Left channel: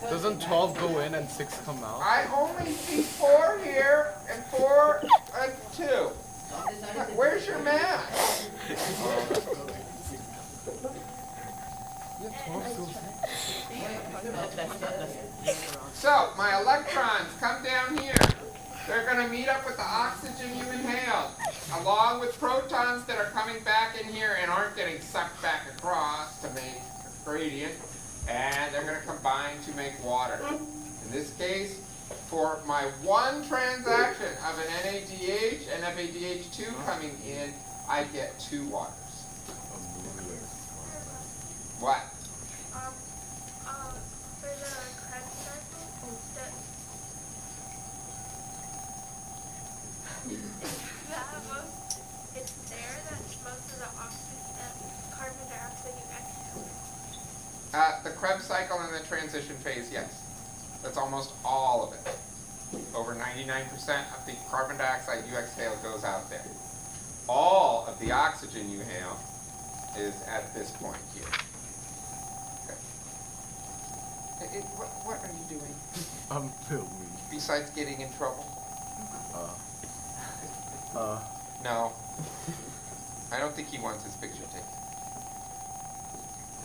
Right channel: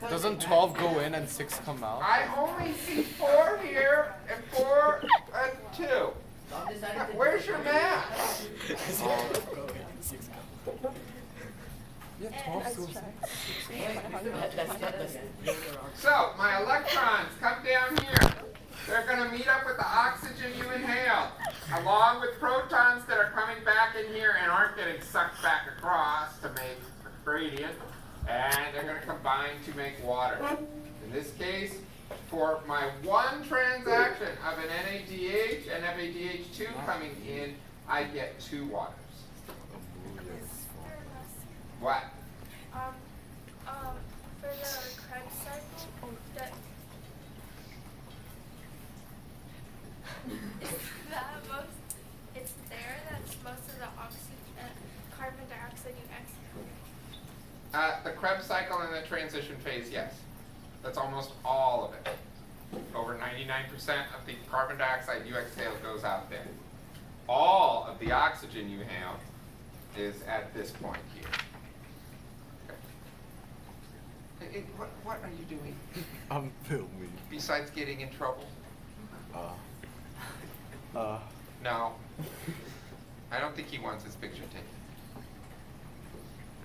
Doesn't 12 go in and 6 come out? I only see 4 here and 4 and 2. Where's your math? Yeah, 12 goes So, my electrons come down here. They're going to meet up with the oxygen you inhaled, along with protons that are coming back in here and aren't getting sucked back across to make a gradient. And they're going to combine to make water. In this case, for my one transaction of an NADH and FADH2 coming in, I get 2 waters. What? There's a Krebs cycle that it's there that's most of the oxygen, carbon dioxide and oxygen. The Krebs cycle in the transition phase, yes. That's almost all of it. Over 99% of the carbon dioxide you exhale goes out there. All of the oxygen you inhale is at this point here. Okay. What are you doing I'm filming. besides getting in trouble? No. I don't think he wants his picture taken.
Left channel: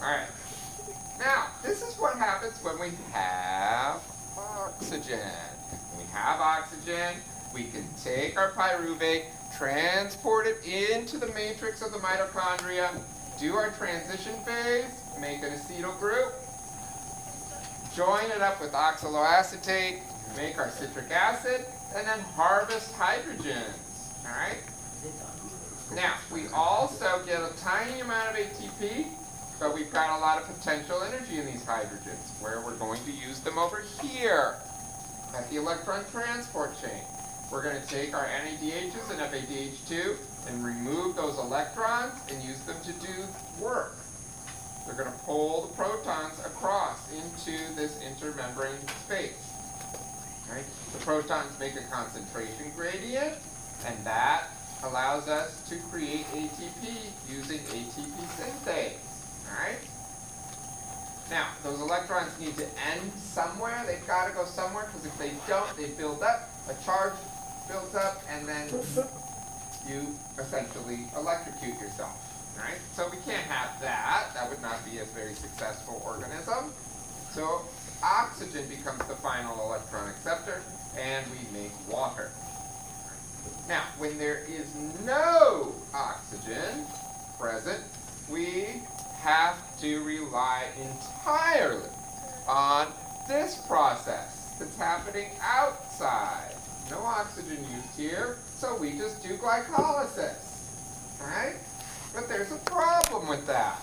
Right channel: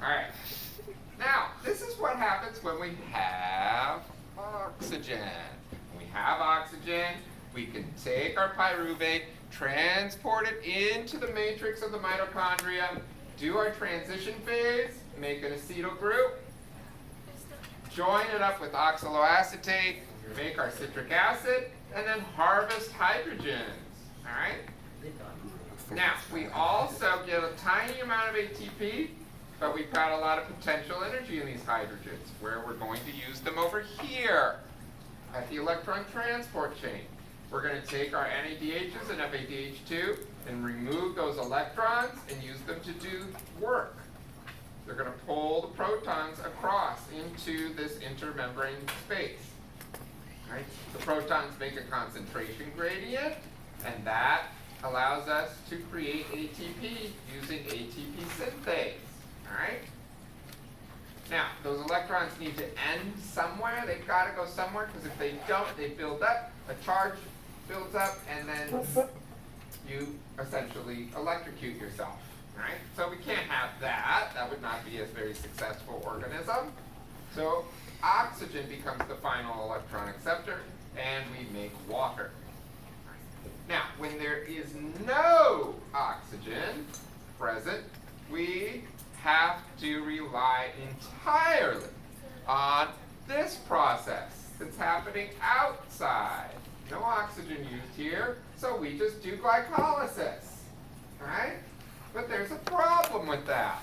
Alright. Now, this is what happens when we have oxygen. When we have oxygen, we can take our pyruvate, transport it into the matrix of the mitochondria, do our transition phase, make an acetyl group, join it up with oxaloacetate, make our citric acid, and then harvest hydrogens. Alright? Now, we also get a tiny amount of ATP, but we've got a lot of potential energy in these hydrogens, where we're going to use them over here at the electron transport chain. We're going to take our NADHs and FADH2 and remove those electrons and use them to do work. They're going to pull the protons across into this intermembrane space. Right? The protons make a concentration gradient, and that allows us to create ATP using ATP synthase. Alright? Now, those electrons need to end somewhere. They've got to go somewhere, because if they don't, they build up. A charge builds up, and then you essentially electrocute yourself. Right? So we can't have that. That would not be a very successful organism. So oxygen becomes the final electron acceptor, and we make water. Now, when there is no oxygen present, we have to rely entirely on this process that's happening outside. No oxygen used here, so we just do glycolysis. Right? But there's a problem with that,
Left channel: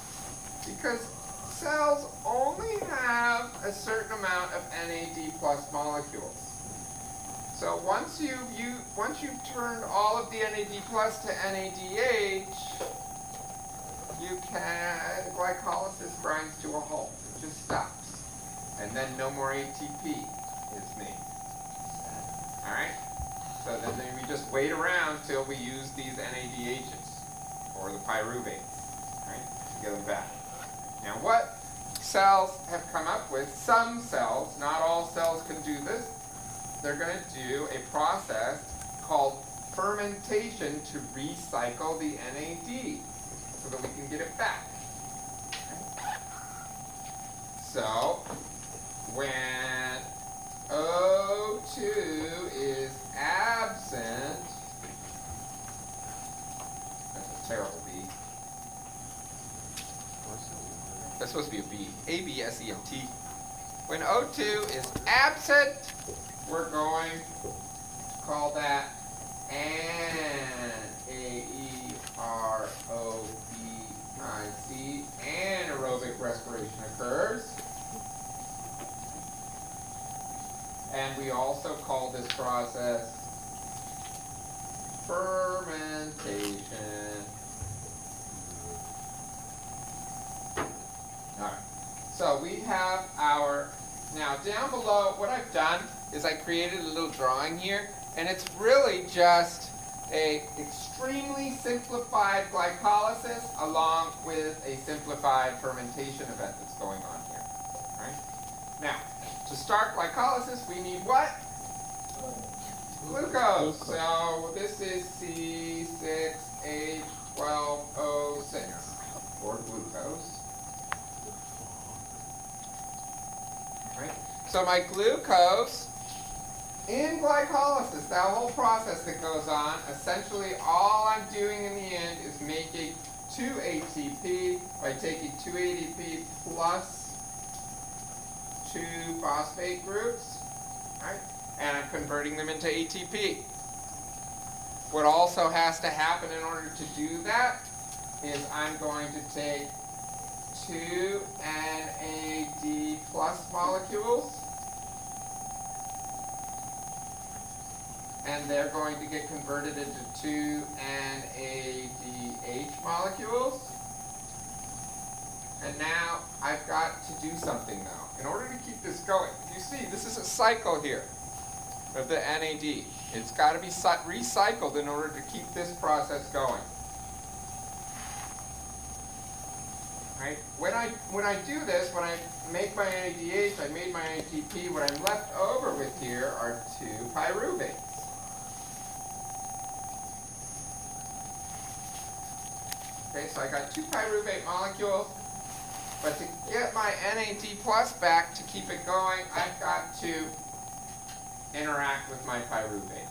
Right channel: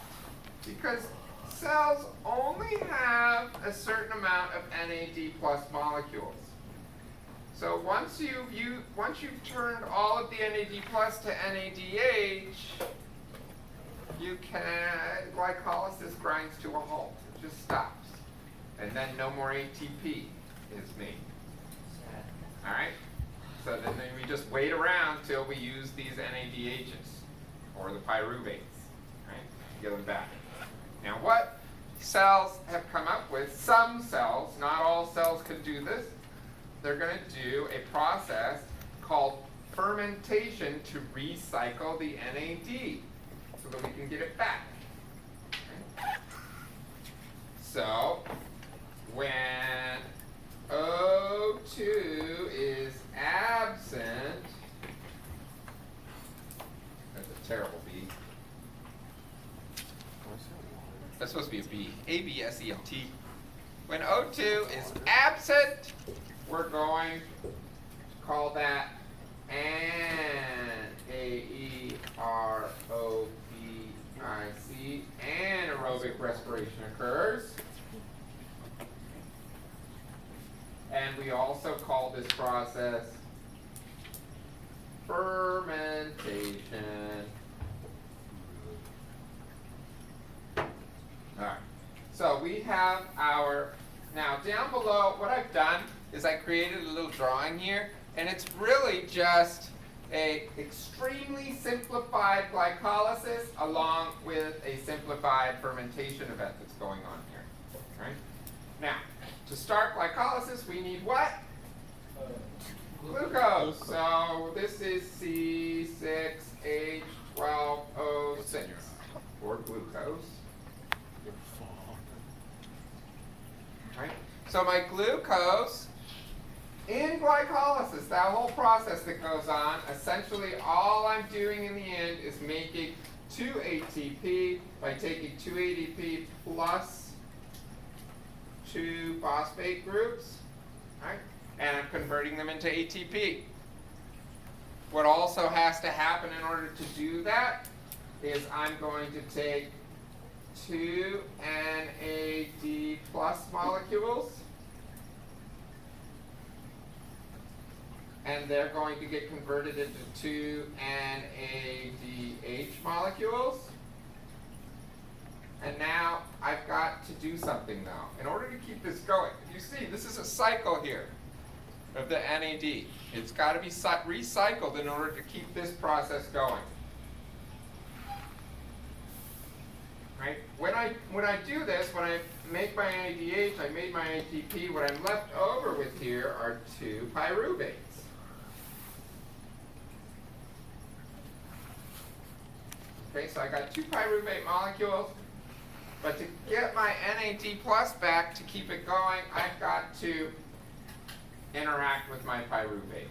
because cells only have a certain amount of NAD plus molecules. So once you've turned all of the NAD plus to NADH, glycolysis grinds to a halt. It just stops. And then no more ATP is made. Alright? So then we just wait around till we use these NADHs, or the pyruvates, right, to get them back. Now what cells have come up with, some cells, not all cells can do this, they're going to do a process called fermentation to recycle the NAD so that we can get it back. Okay? So, when O2 is absent, that's a terrible B. That's supposed to be a B. A-B-S-E-N-T. When O2 is absent, we're going to call that A-E-R-O-B-I-C. Anaerobic respiration occurs. And we also call this process fermentation. Alright, so we have our, now down below, what I've done is I created a little drawing here, and it's really just a extremely simplified glycolysis along with a simplified fermentation event that's going on here. Right? Now, To start glycolysis, we need what? Glucose. So this is C6H12O6 or glucose. Right? So my glucose in glycolysis, that whole process that goes on, essentially all I'm doing in the end is making 2 ATP by taking 2 ATP plus 2 phosphate groups, right? And I'm converting them into ATP. What also has to happen in order to do that is I'm going to take 2 NAD plus molecules, and they're going to get converted into 2 NADH molecules. And now I've got to do something now. In order to keep this going, you see, this is a cycle here of the NAD. It's got to be recycled in order to keep this process going. Right? When I do this, when I make my NADH, I made my ATP, what I'm left over with here are 2 pyruvates. Okay, so I got 2 pyruvate molecules, but to get my NAD plus back to keep it going, I've got to interact with my pyruvate.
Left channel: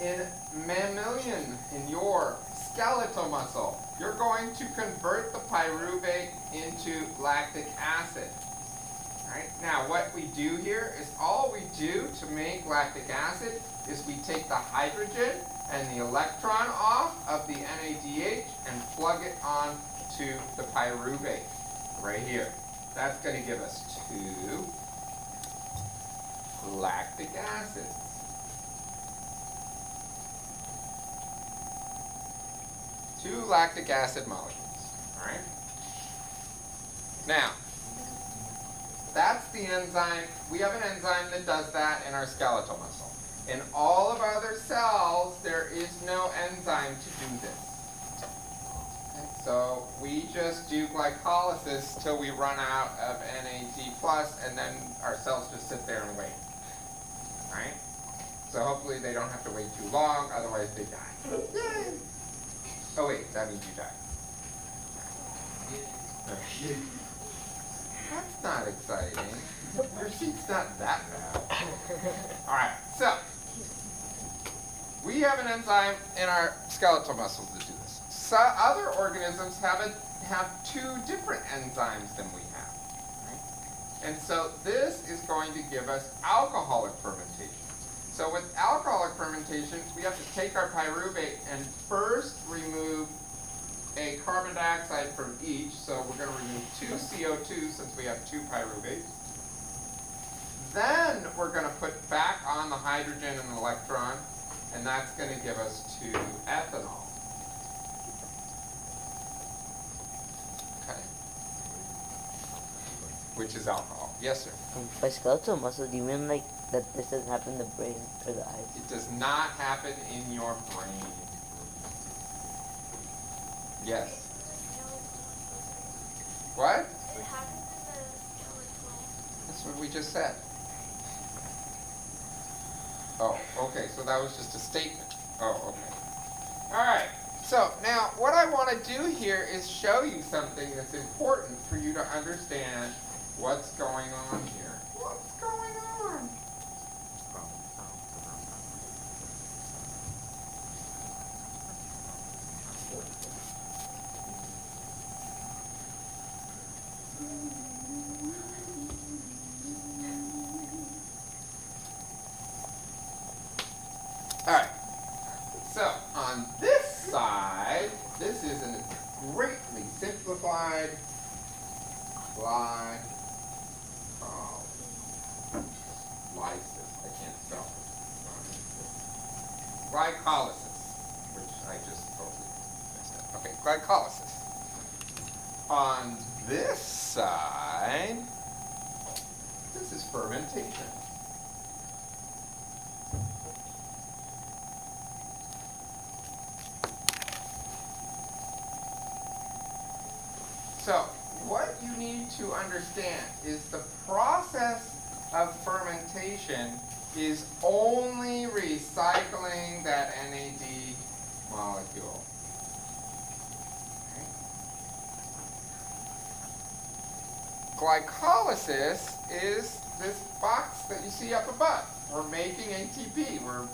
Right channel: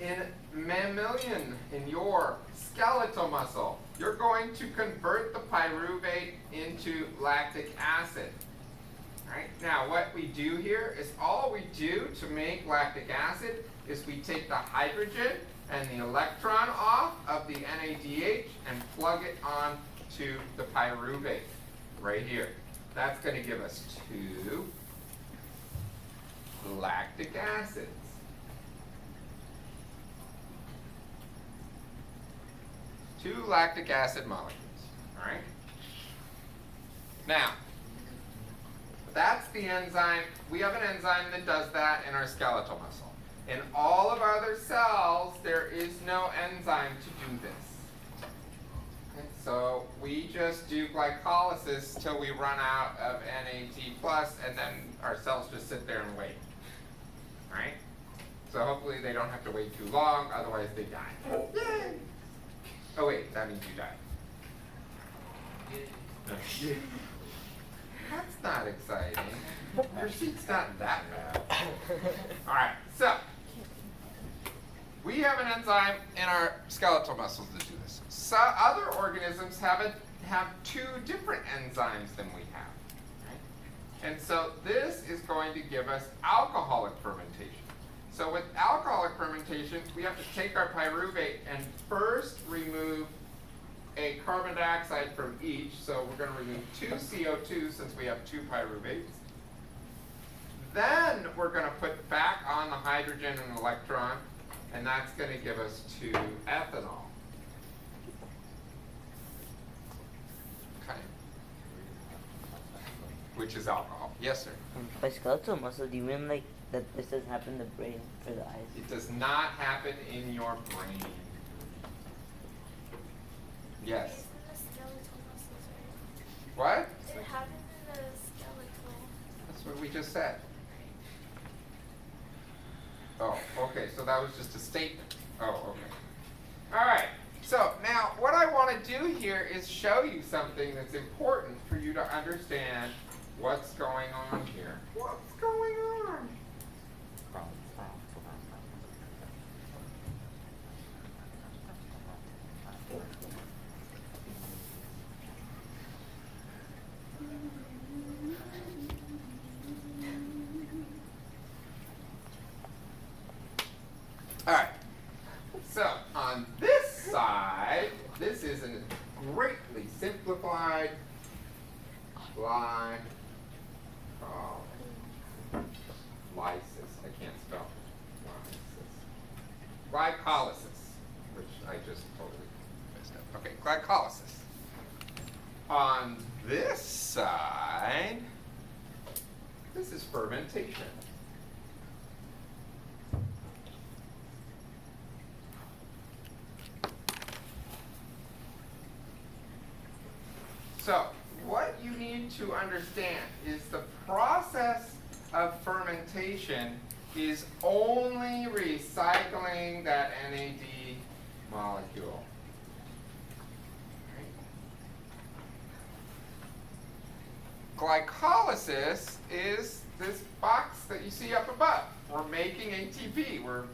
In mammalian, in your skeletal muscle, you're going to convert the pyruvate into lactic acid. Right? Now what we do here is all we do to make lactic acid is we take the hydrogen and the electron off of the NADH and plug it on to the pyruvate right here. That's going to give us 2 lactic acids. Two lactic acid molecules. All right? Now, that's the enzyme. We have an enzyme that does that in our skeletal muscle. In all of our other cells, there is no enzyme to do this. Okay, so we just do glycolysis till we run out of NAD+, and then our cells just sit there and wait. All right? So hopefully they don't have to wait too long, otherwise they die. Yay! Oh wait, that means you die. That's not exciting. Your seat's not that bad. All right, so we have an enzyme in our skeletal muscles to do this. So other organisms have 2 different enzymes than we have. Right? And so this is going to give us alcoholic fermentation. So with alcoholic fermentation, we have to take our pyruvate and first remove a carbon dioxide from each. So we're going to remove 2 CO2 since we have 2 pyruvates. Then we're going to put back on the hydrogen and electron, and that's going to give us 2 ethanol. Okay. Which is alcohol. Yes, sir. And by skeletal muscle, do you mean like that this doesn't happen in the brain or the eyes? It does not happen in your brain. Yes. What? It happens in the skeletal. That's what we just said. Oh, okay, so that was just a statement. Oh, okay. All right, so now what I want to do here is show you something that's important for you to understand what's going on here. What's going on? All right, so on this side, this is a greatly simplified glycolysis. I can't spell glycolysis, which I just totally messed up. Okay, glycolysis. On this side, this is fermentation. So what you need to understand is the process fermentation is only recycling that NAD molecule. Right? Glycolysis is this box that you see up above. We're making ATP. We're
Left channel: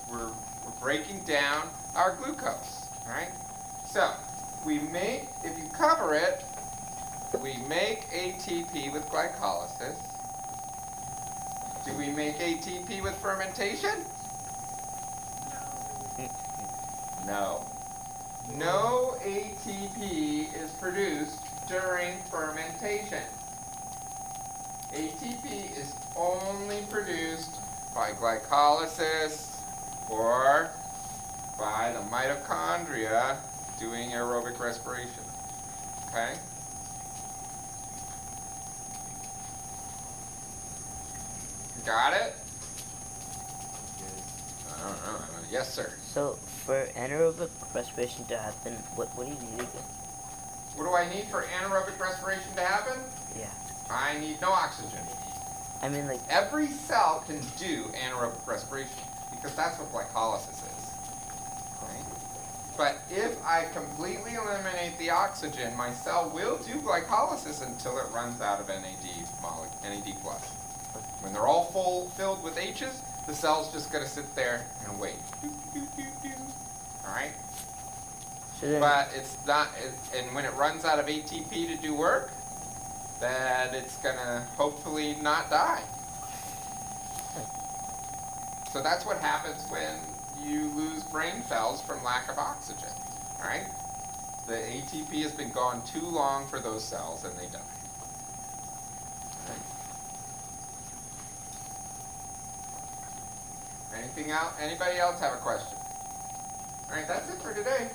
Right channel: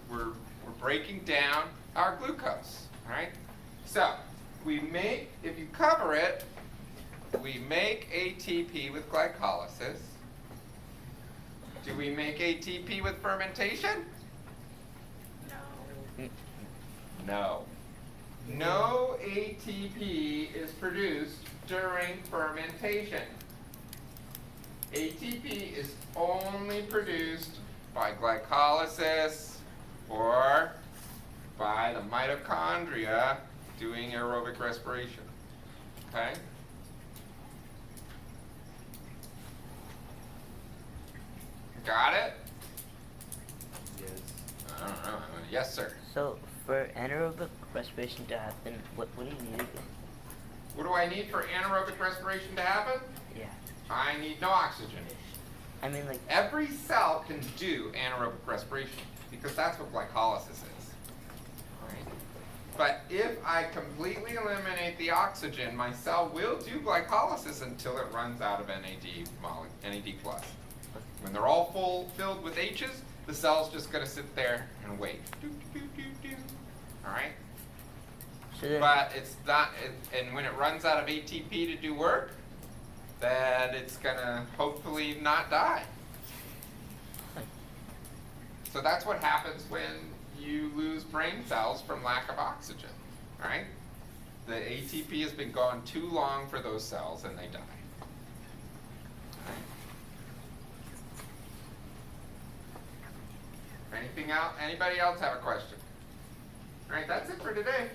breaking down our glucose. Right? So we make, if you cover it, we make ATP with glycolysis. Do we make ATP with fermentation? No. No ATP is produced during fermentation. ATP is only produced by glycolysis or by the mitochondria doing aerobic respiration. Okay? Got it? Yes, sir. So for anaerobic respiration to happen, what do you need again? What do I need for anaerobic respiration to happen? Yeah. I need no oxygen. I mean, like, Every cell can do anaerobic respiration because that's what glycolysis is. Right? But if I completely eliminate the oxygen, my cell will do glycolysis until it runs out of NAD plus. When they're all filled with H's, the cell's just going to sit there and wait. All right? so then, But it's not, and when it runs out of ATP to do work, then it's going to hopefully not die. So that's what happens when you lose brain cells from lack of oxygen. All right? The ATP has been gone too long for those cells and they die. Anything else? Anybody else have a question? All right, that's it for today.